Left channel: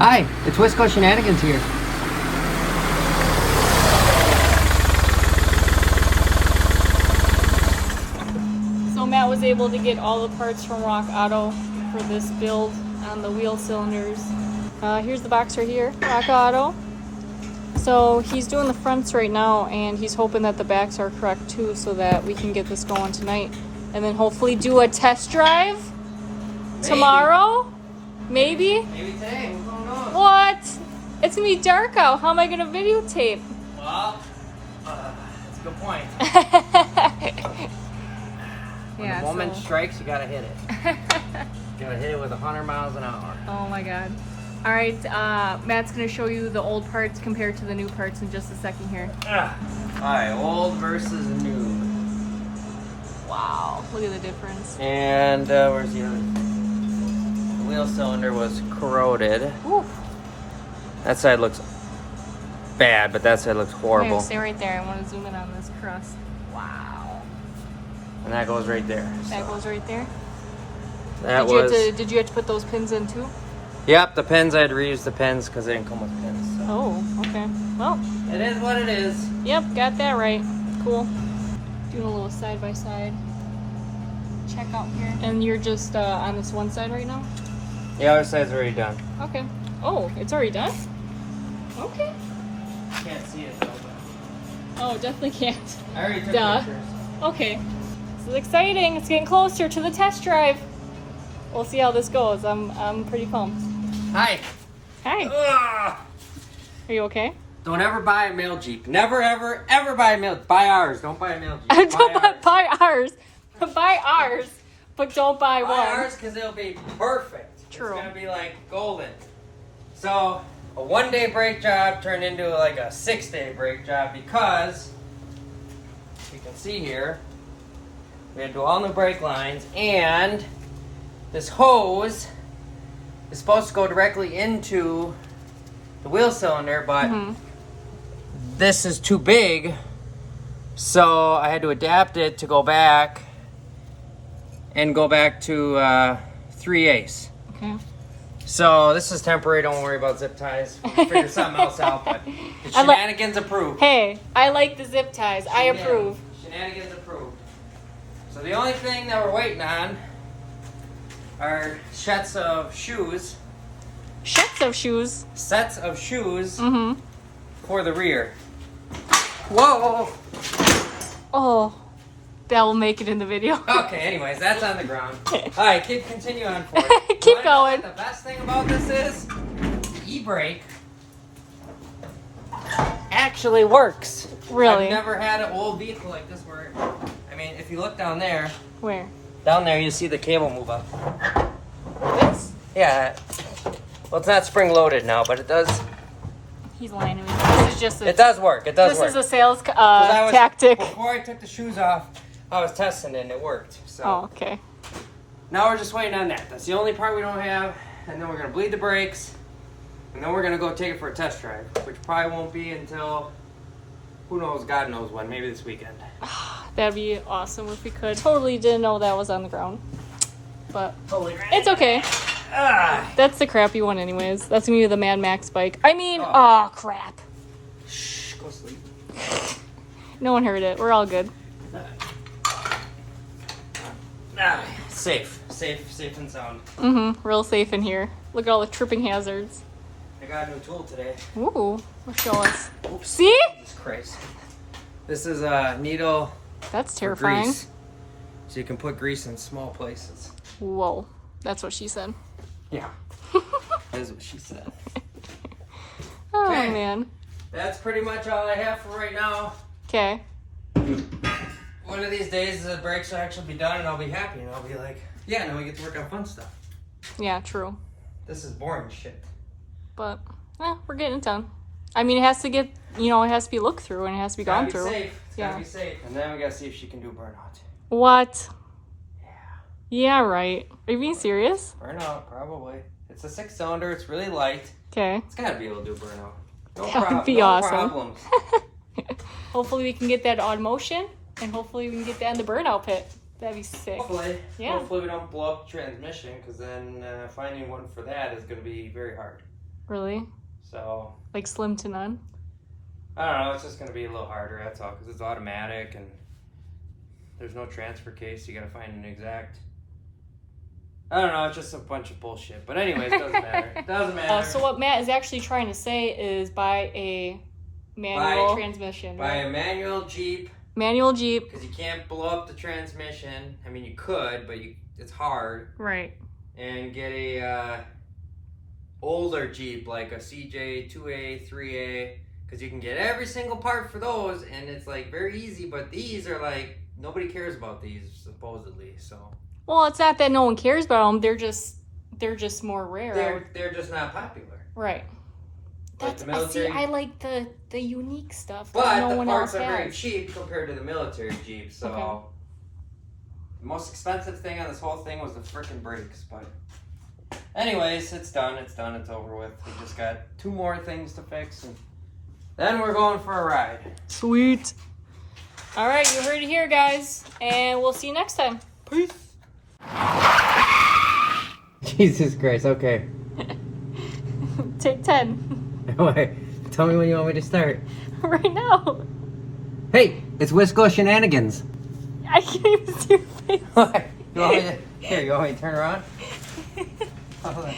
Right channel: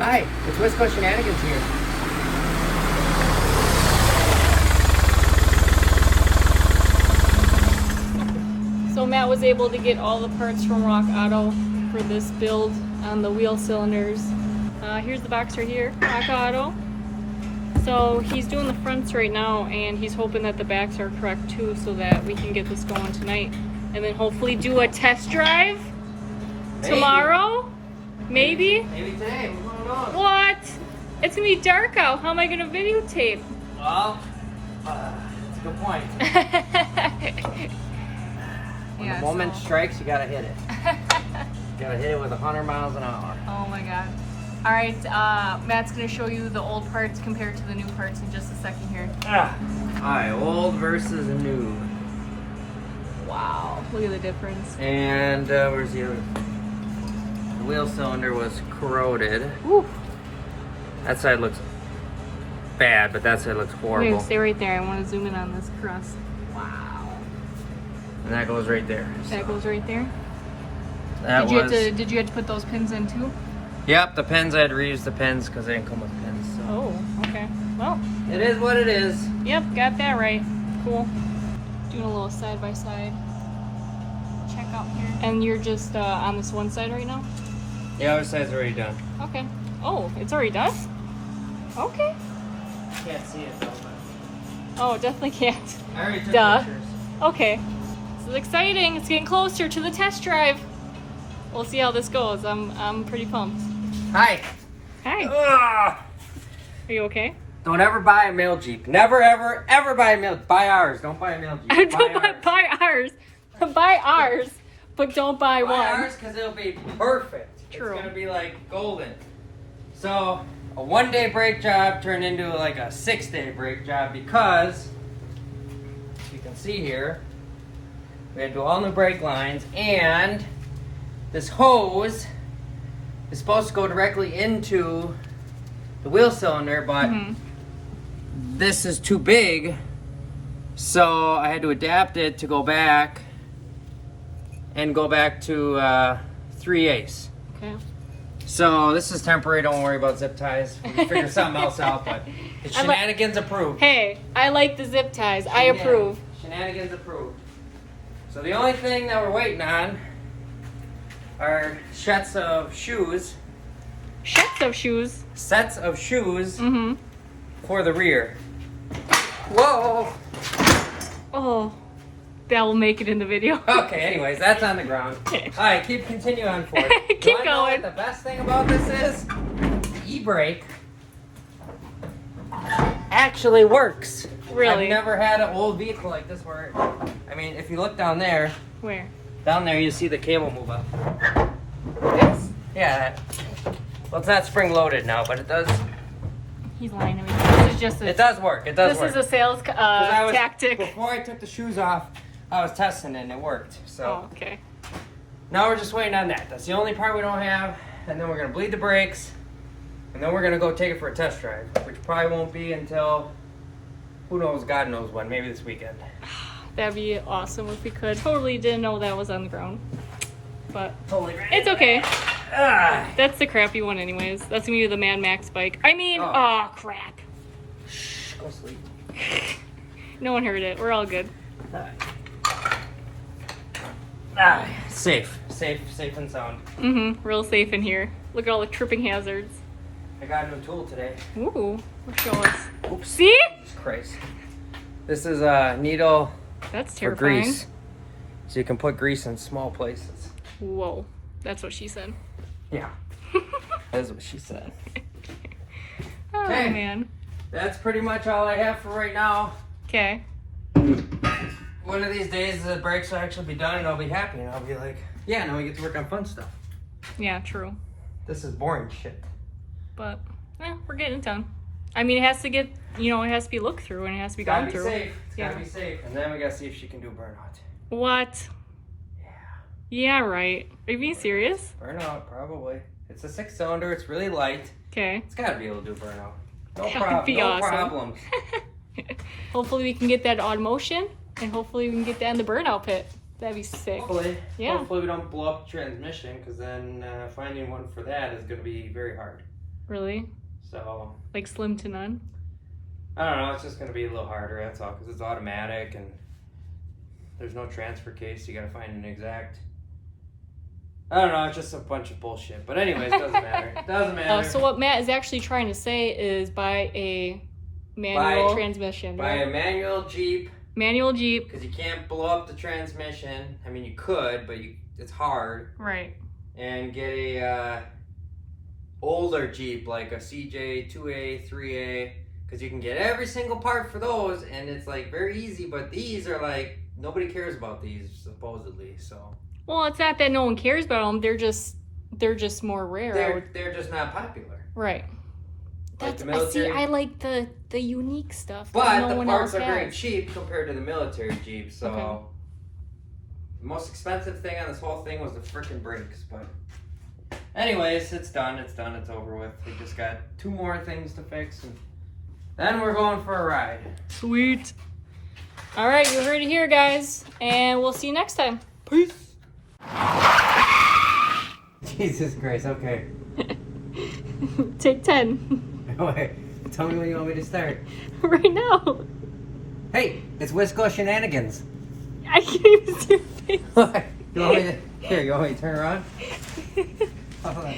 Hi, it's Wisco Shenanigans here. So Matt was able to get all the parts from Rock Auto for this build on the wheel cylinders. Here's the box right here, Rock Auto. So he's doing the fronts right now, and he's hoping that the backs are correct too, so that we can get this going tonight. And then hopefully do a test drive tomorrow? Maybe? Maybe today, who knows? What? It's gonna be dark out. How am I gonna videotape? Well, that's a good point. When the moment strikes, you gotta hit it. You gotta hit it with 100 miles an hour. Oh my god. All right, Matt's gonna show you the old parts compared to the new parts in just a second here. Alright, old versus new. Wow, look at the difference. And where's the other? The wheel cylinder was corroded. Oof. That side looks bad, but that side looks horrible. Wait, stay right there. I want to zoom in on this crust. Wow. And that goes right there. That goes right there. That Did you have to put those pins in too? Yep, the pins, I had to reuse the pins because they didn't come with pins. So. Oh, okay. Well, It is what it is. yep, got that right. Cool. Doing a little side by side check out here. And you're just on this one side right now? The other side's already done. Okay. Oh, it's already done? Okay. Can't see it though. Oh, definitely can't. I already took Duh. pictures. Okay. This is exciting. It's getting closer to the test drive. We'll see how this goes. I'm pretty pumped. Hi. Hi. Ugh. Are you okay? Don't ever buy a mail Jeep. Never, ever, ever buy a mail. Buy ours. Don't buy a mail Jeep. Don't ours. buy ours. Buy ours, but don't buy Buy one. ours because it'll be perfect. True. It's gonna be like golden. So a 1-day brake job turned into like a 6-day brake job because you can see here we had to do all new brake lines, and this hose is supposed to go directly into the wheel cylinder, but this is too big, so I had to adapt it to go back and go back to 3/8. Okay. So this is temporary. Don't worry about zip ties. We'll figure something else out, but it's I like- shenanigans approved. Hey, I like the zip ties. I approve. Shenanigans approved. So the only thing that we're waiting on are sets of shoes. Sets of shoes. Sets of shoes Mm-hmm. for the rear. Whoa! Oh, that will make it in the video. Okay, anyways, that's on the ground. Alright, continue on forward. Keep You wanna know going. what the best thing about this is? E-brake actually works. Really? I've never had an old vehicle like this where, I mean, if you look down there, Where? you see the cable move up. This? Yeah. Well, it's not spring loaded now, but it does. He's lying to me. This is just a. It does work. It does This work. is a sales 'Cause I was- tactic. Before I took the shoes off, I was testing it and it worked. So Oh, okay. now we're just waiting on that. That's the only part we don't have, and then we're gonna bleed the brakes, and then we're gonna go take it for a test drive, which probably won't be until who knows, God knows when. Maybe this weekend. That'd be awesome if we could. Totally didn't know that was on the ground, but Totally great. it's okay. Ah. That's the crappy one, anyways. That's gonna be the Mad Max bike. I mean, Oh. oh crap. Shh, go sleep. No one heard it. We're all good. Safe and sound. Mm-hmm. Real safe in here. Look at all the tripping hazards. I got a new tool today. Ooh, show us. Oops. See? Jesus Christ. This is a needle That's for terrifying. grease. So you can put grease in small places. Whoa. That's what she said. Yeah. That is what she said. Oh, Okay. man. That's pretty much all I have for right now. Okay. One of these days the brakes will actually be done and I'll be happy and I'll be like, yeah, now we get to work on fun stuff. Yeah, true. This is boring shit. But, we're getting it done. I mean, it has to get, it has to be looked through and it has to be Gotta gone be through. safe. It's Yeah. gotta be safe. And then we gotta see if she can do burnout. What? Yeah. Yeah, right. Are you being serious? Burnout, probably. It's a 6-cylinder, it's really light. Okay. It's gotta be able to do burnout. No, That would be no awesome. problems. Hopefully we can get that on motion and hopefully we can get that in the burnout pit. That'd be sick. Hopefully. Yeah. Hopefully we don't blow up the transmission because then finding one for that is gonna be very hard. Really? So Like slim to none? I don't know. It's just gonna be a little harder. That's all, because it's automatic and there's no transfer case. You gotta find an exact. I don't know. It's just a bunch of bullshit. But anyways, doesn't matter. It doesn't matter. So what Matt is actually trying to say is buy a manual transmission, Buy right? a manual Jeep. Manual Jeep. Because you can't blow up the transmission. I mean, you could, but it's hard. Right. And get a older Jeep, like a CJ 2A, 3A, because you can get every single part for those, and it's like very easy. But these are like nobody cares about these supposedly. So. Well, it's not that no one cares about them. They're just more rare. They're just not popular. Right. Like That's the I see. military. I like the unique stuff But that no the one else parts are very has. cheap compared to the military Jeep. So Okay. the most expensive thing on this whole thing was the freaking brakes. But anyways, it's done. It's done. It's over with. We just got 2 more things to fix, and then we're going for a ride. Sweet. All right, you heard it here, guys, and we'll see you next time. Peace. Jesus Christ. Okay. Take 10. Wait. Tell me when you want me to start. Right now. Hey, it's Wisco Shenanigans. I can't even see your face. What? You want me to turn around? Hold on.